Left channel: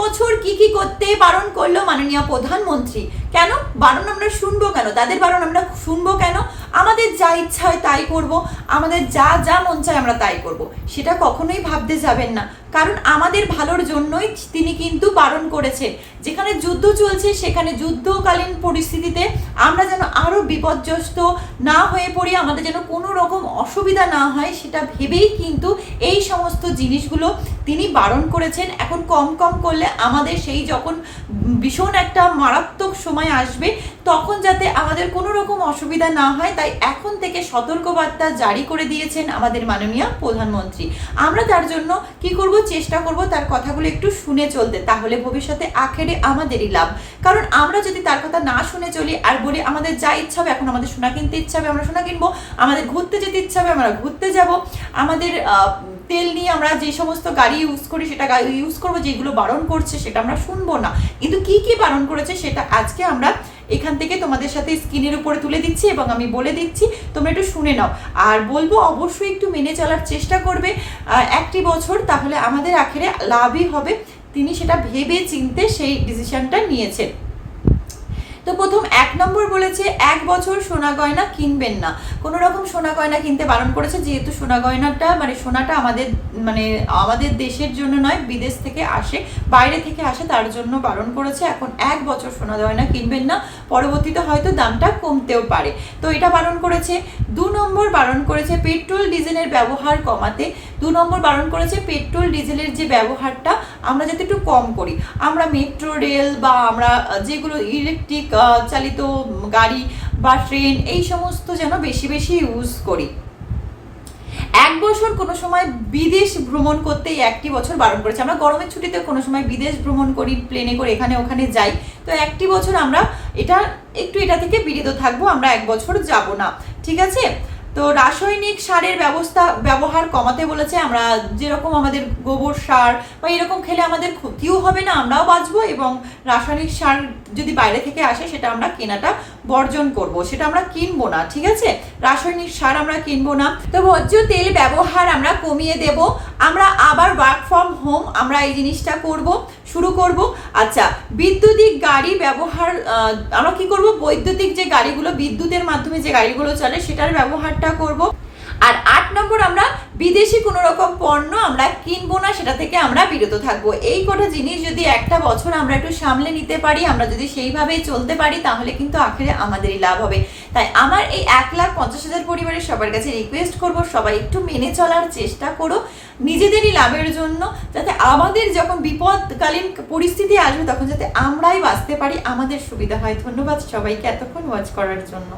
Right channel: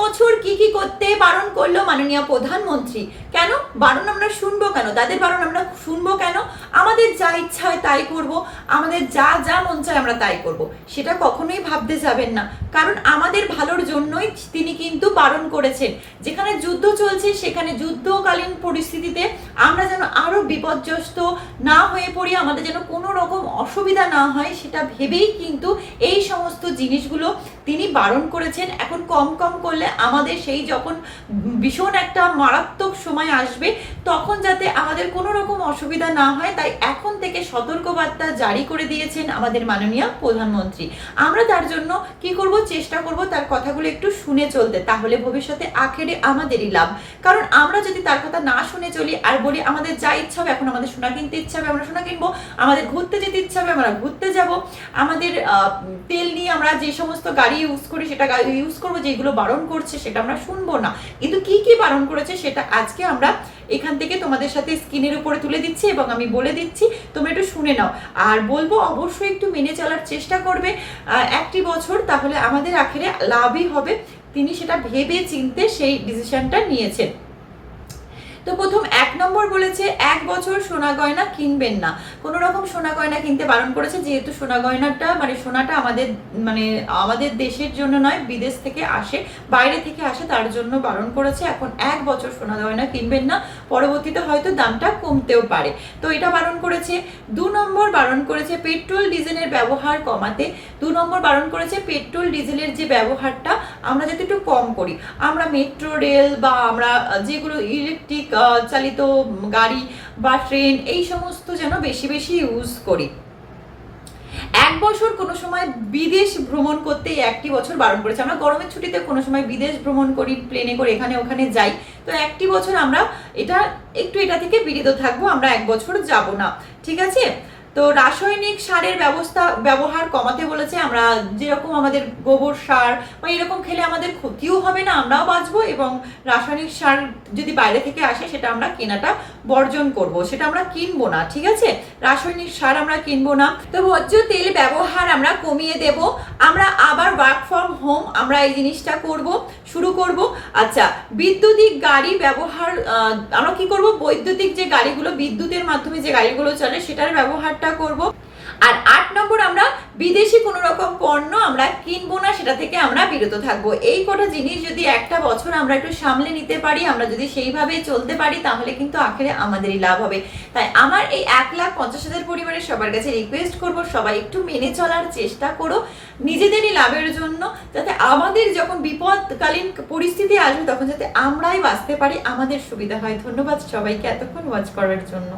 বছর কি কি করতে বারণ করলো মাননীয় প্রধানমন্ত্রী। কেন বারণ আমরা শুনবো কেন? তাদের বারণ আমরা শুনবো কেন? আমাদের যা ইচ্ছা হয় তাই করব, আমাদের যা যা মন চায় আমরা তাই করব, সেটা কখনোই ভাবতে যাবেন না। কারণ আমাদের ভালোর জন্যই তিনি কিন্তু বারণ করেছেন। যেখানে যুদ্ধ চলছে সেখানে যুদ্ধকালীন পরিস্থিতিতে আমরা যেন আরো বিপর্যস্ত না হয়ে পড়ি, আমাদের যেন কোনো রকম অসুবিধা না হয়, সেটা ভেবেই কিন্তু এই সমস্ত জিনিসগুলো তিনি বারণ করেছেন। এখন কম কম করলে আমাদের সেই যখন ভীষণ একটা মারাত্মক সময় আসবে তখন যাতে আমাদের কোনো রকম অসুবিধা না হয়, তাই এখন থেকে সতর্কবার্তা জারি করে দিয়েছেন আমাদের মাননীয় প্রধানমন্ত্রী। আমরা তার জন্য কি করব, চেষ্টা করব তার কথাগুলো একটু শুনে চলতে, তাহলে ভবিষ্যতে আখেরে আমাদেরই লাভ। কারণ আমরা যদি তার কথা না শুনে চলি আর বলি আমাদের যা ইচ্ছা হবে, এখন আমাদের সোনা কিনতে ইচ্ছা হবে আমরা সোনা কিনবো, আমাদের ঘুরতে যেতে ইচ্ছা হবে আমরা ঘুরতে যাব, আমাদের তেল নিয়ে আমরা যে সমস্ত গাড়ি ইউজ করি সেটা গাড়ি ইউজ করবো, যেগুলো বারণ করছে সেটা আমরা শুনবো না। কিন্তু কি কি বারণ করেছে সেটা আজকে আমরা এখান থেকে তোমাদের সাথে স্ক্রিনের উপরে তুলে দিচ্ছি এবং আমি বলে দিচ্ছি, তোমরা একটু শুনে নাও। আর বলবো অবশ্যই একটু মেনে চলার চেষ্টা করবে একটি বছর, তাহলে আমাদের আখেরে লাভই হবে। তিনি সেটা ভেবে চিনতে সেই ডিসিশনটা নিয়েছেন। তো প্রথম 1 নম্বর বলেছে 1 বছর সোনা গয়না কিনবেন না, কোনো রকম সোনা গয়না কিনতে বারণ করেছে। যেহেতু সোনা গয়নাটা মানে সোনাটা আমাদের দেশের জন্য নয়, বিদেশ থেকে আসে, বাইরে থেকে আসে, তার জন্য বারণ করেছে। এখন 1 বছর সোনা গয়না কিনবেন না, পরবর্তীতে হয়তো দামটা কমতেও পারে, তো এটা বারণ করেছে। 2 নম্বর বারণ করেছে পেট্রোল ডিজেলের ব্যবহার কমাতে। 2 নম্বর বারণ করেছে পেট্রোল ডিজেলের যে ব্যবহারটা আমরা যাতে একটু কম করি। আমরা মেট্রো রেল বা আমরা যেগুলো ইলেকট্রিক চালিত গাড়ি বা ট্রেন এই সমস্ত যেন বেশি বেশি ইউজ করি। 1 বছর কোনো সময় বিদেশ ভ্রমণ করতে 1টি বছর বারণ করেছে। আমরা গরমের ছুটিতে কোনো সময় বিদেশ ভ্রমণ করি, প্লেনে করে এখানে ওখানে যাই, তো 1টি বছর আমরা এটা থেকে বিরত থাকবো, আমরা 1 বছর যাব না, ঠিক আছে। তো রাসায়নিক সারের ব্যবহার কমাতে বলেছে। আমরা যেরকম আমাদের গোবর সার বা এরকম খেলে আমাদের ক্ষতিও হবে না, আমরাও বাঁচবো, এবং রাসায়নিক সার যদি বাইরে থেকে আসে সেটা আমরা কেনাটা বর্জন করব, সেটা আমরা কিনবো না, ঠিক আছে। রাসায়নিক সার আমরা কিনবো না। তো ভোজ্য তেল ব্যবহার আমরা কমিয়ে দেব। আমরা আবার ওয়ার্ক ফ্রম হোম আমরা এই জিনিসটা শুরু করব। আচ্ছা, বৈদ্যুতিক গাড়ি ব্যবহার আমরা কি করব, বৈদ্যুতিক যে গাড়িগুলো বিদ্যুতের মাধ্যমে যে গাড়িগুলো চলে সেটার ব্যবহারটা করব। আর 8 নম্বর আমরা বিদেশি কোনো রকম পণ্য আমরা কিনবো না, সেটা থেকে আমরা বিরত থাকবো। এই কটা জিনিস যদি একটা বছর আমরা একটু সামলে নিতে পারি, আমরা যদি সেইভাবেই চলতে পারি, তাহলে কিন্তু আখেরে আমাদেরই লাভ হবে। তাই আমার এই 1,50,000 পরিবারের সবার কাছে রিকোয়েস্ট করব, সবাই একটু মেনে চলার চেষ্টা করো নিজেদেরই লাভের জন্য, যাতে আমাদের যখন বিপদকালীন পরিস্থিতি আসবে তখন যাতে আমরাই বাঁচতে পারি, আমাদের সুবিধা হয়। ধন্যবাদ সবাইকে এতক্ষণ ওয়াচ করার জন্য।